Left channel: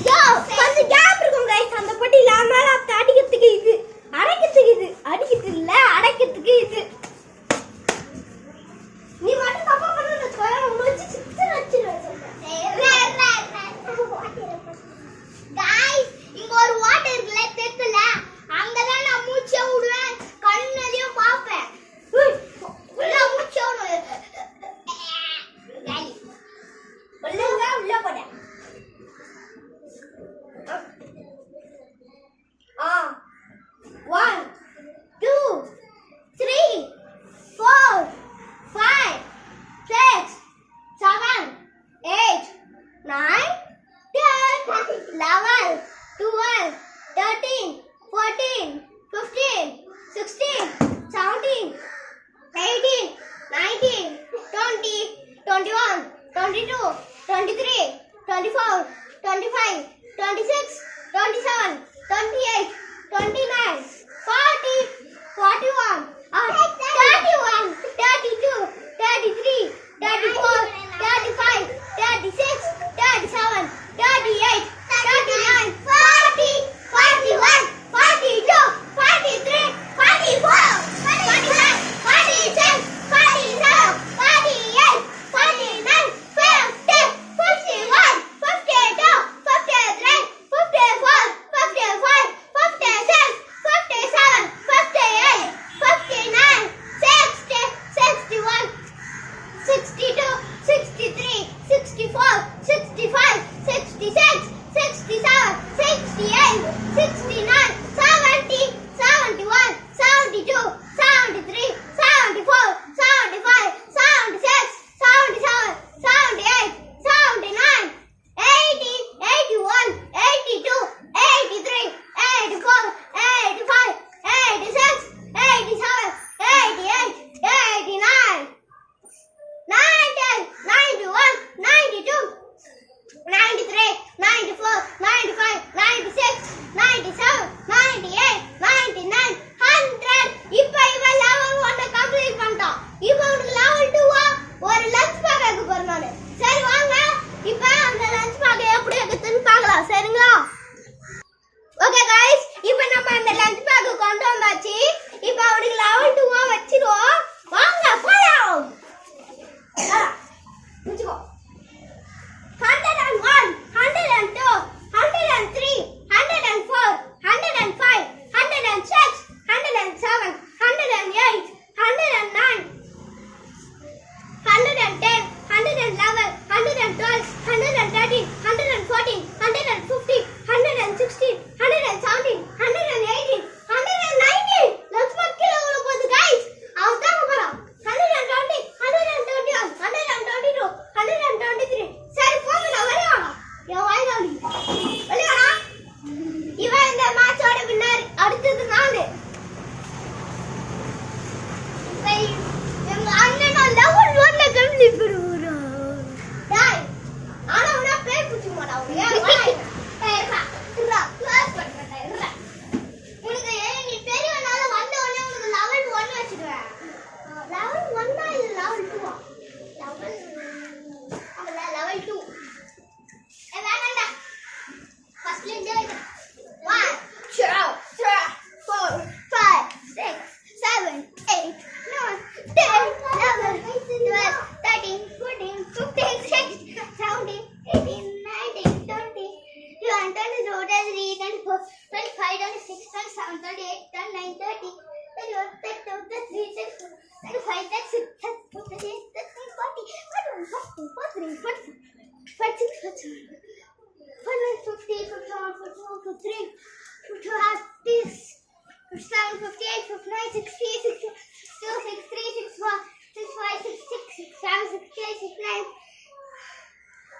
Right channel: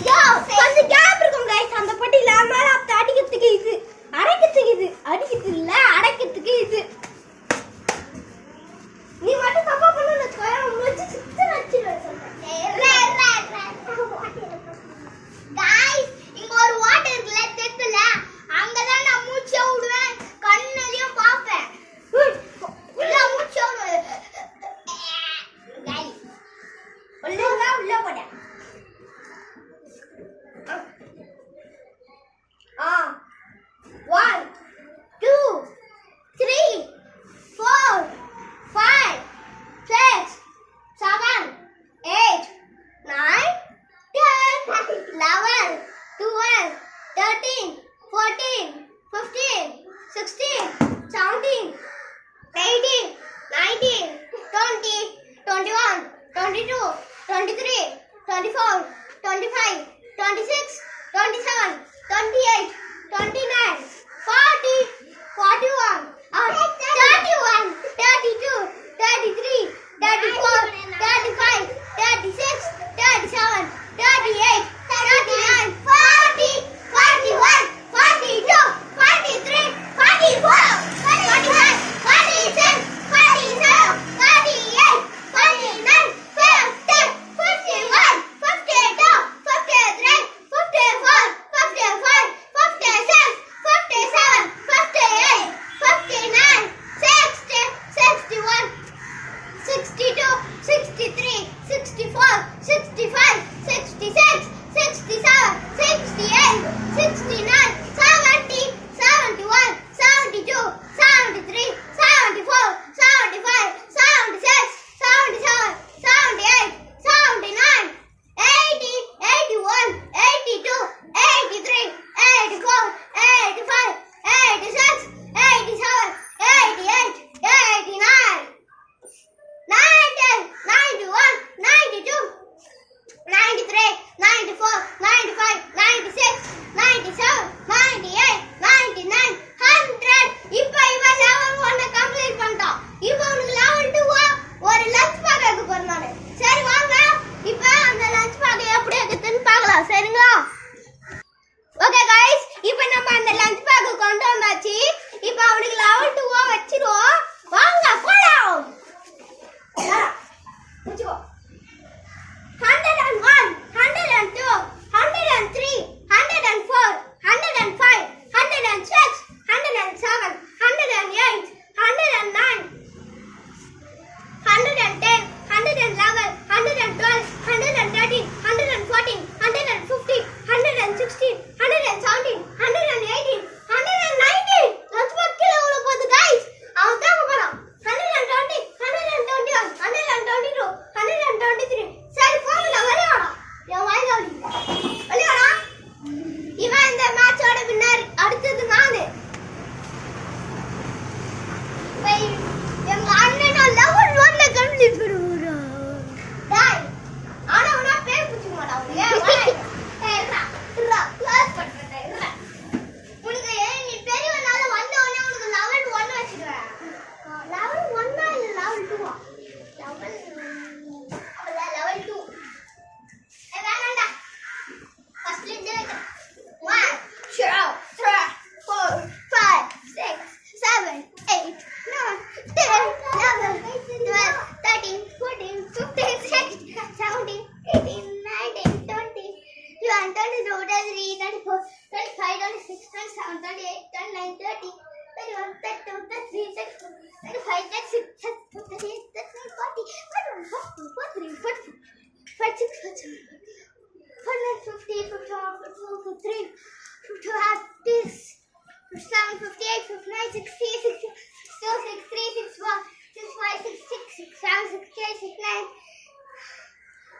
இதோ கொஞ்சம் கேப் இருக்கும் गाइस அந்த பொட்டில அதனால அப்ப அடிக்கிறதுக்கு இது அடிக்கிறதுக்கு இல்ல அடைக்கிறதுக்கு இது நீ மட்டும் தப்பா பண்ணல கோயா உங்களுக்கு சித்து நச்சிடுவேன் சொல்றேன் गाइस இங்க ஒரு வாட்டர் இருக்குல தெத்துல அங்க தான் நான் மூச்சை விடுவேன் கண்ணலயும் பாப்பேன் உள்ள மூச்சை விடுவேன் गाइस உள்ள போட 1 2 3 4 5 6 7 8 9 10 11 12 13 14 15 16 17 18 19 20 21 22 23 24 25 26 27 28 29 40 41 31 32 33 34 35 36 37 38 39 40 41 42 43 44 45 46 47 48 49 50 51 52 53 54 55 56 57 58 59 60 61 62 63 64 65 66 67 68 69 70 71 72 73 74 75 76 77 78 79 80 81 82 83 84 85 86 87 88 89 90 91 92 93 94 95 96 97 98 99 100 இப்போ இவன் லெவல் 1 கம்ப்ளீட் பண்ணிட்டான் இப்போ உனக்கு லெவல் 2 ஒரு லஞ்ச் பேக் எடுக்க போறேன் நானு சரி வாங்க இப்போ அந்த லஞ்ச் பேக் எப்படி எடுத்துன்னு பார்க்கலாம் சரிங்களா ஓகே गाइस இப்போ நம்ம அந்த லஞ்ச் பேக் கொண்டு வந்தாச்சு இப்போ அவனுக்கு லெவல் 2 வச்சிரோம் வாங்க போலாம் முடிச்சுக்கோ 101 102 103 104 105 106 107 108 109 110 111 112 113 114 115 116 117 118 119 லட்ச பக்கில உள்ள போகுது गाइस அவன் தான் போறான் 120 121 122 123 சரி போங்கடா வரேடா என் வாய்தாடி வரேடா இவன் இந்த மேட்சோட வின்னர் அடுத்தது நானு எங்க அண்ணன் லெவல் 1 கம்ப்ளீட் பண்ணுறா டேய் ஆனா உன பேர் புடிச்சு மாடா உனக்கு ஏறா கிளாஸ் பண்றடா ஏறா உனக்கு நீ பெரியவனால வந்த உடனே உனக்கு லெவல் 1 வச்சிடுவேன் லெவல் 1 இல்ல லெவல் 2 லெவல் அவள லெவல் 2 வேணாம்டா ஃபர்ஸ்ட்ல இருந்து 1 2 3 4 5 6 7 8 9 10 11 12 13 14 15 16 17 18 19 20 21 22 23 24 25 26 27 28 29 30 31 32 33 35 36 37 38 40 41 42 43 46 47 50 51 53 54 57 58 59 60 62 63 61 65 66 67 68 69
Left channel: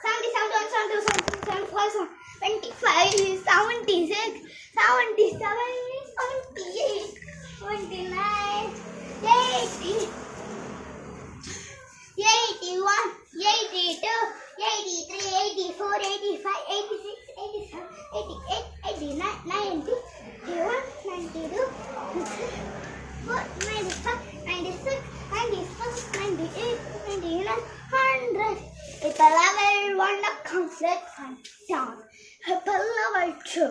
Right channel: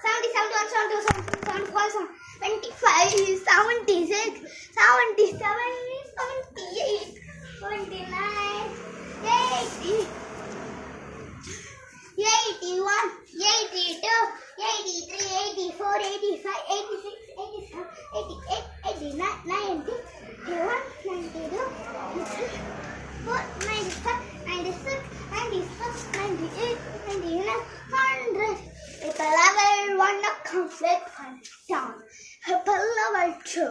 70 71 72 73 74 75 76 77 78 79 80 81 82 83 84 85 86 87 88 89 90 91 92 94 95 96 97 98 99 100 இப்போ level 1 complete பண்ணு down. இப்போ level 2.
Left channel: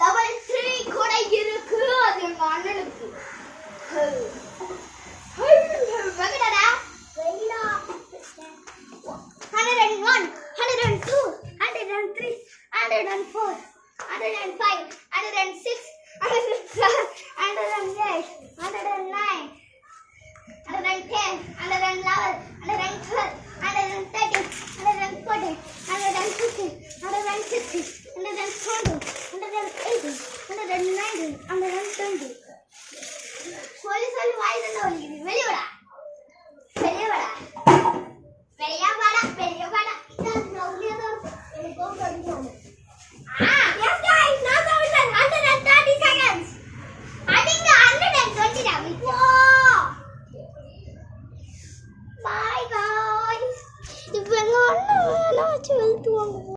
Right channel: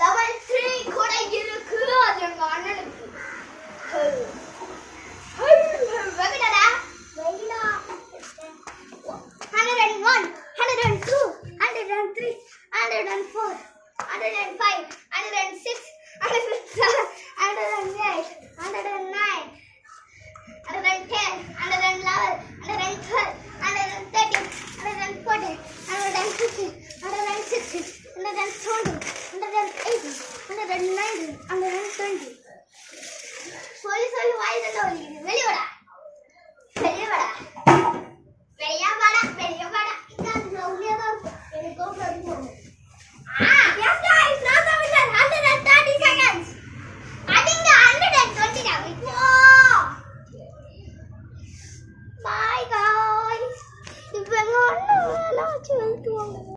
Level 3 கூட இருக்கு. அது எங்க அண்ணனுக்கு. வெங்கடா வெயிலா 101, 102, 103, 104, 105, 106, 107, 108, 109, 110, 111,